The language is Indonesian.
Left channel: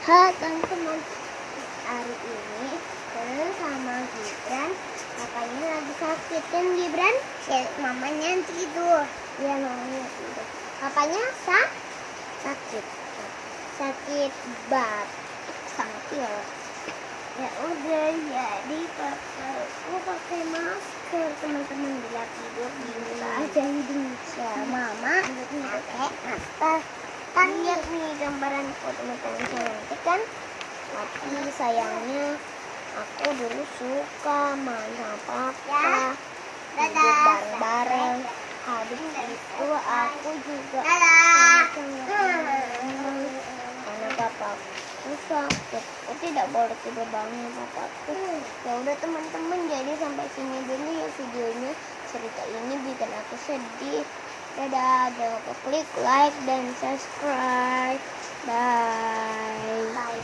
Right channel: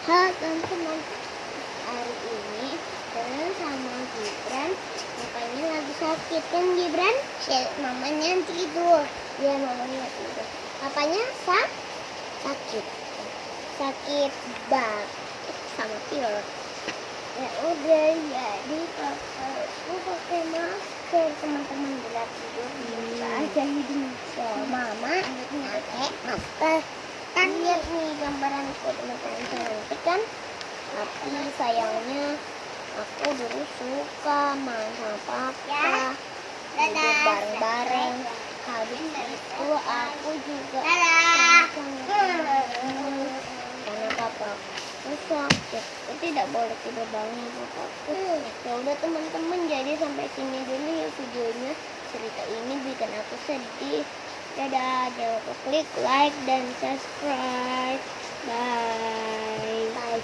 Halo teman-teman, hari ini Danu sama Gibran papanya lagi sakit kan Gibran? Mamanya tidur. Ya mamanya tidur. Papanya sakit batuk sama pilek. Ya udah jadi aku pakai masker teman-teman bila tidur buka aja hidungnya. Mama pakai masker. Kan lihat nih gambaran teman-teman cantik kan, tapi sayangnya aku dulu suka main sama papa, tidur bareng-bareng. Habis itu aku juga karena papaku sakit, aku tidak boleh tidur bareng papaku. Ya udah teman-teman, jadi sampai sini dulu ya videonya. Cerita ini bikin aku sedih. Dadah, jangan lupa klik like dan subscribe. Bye. Bye.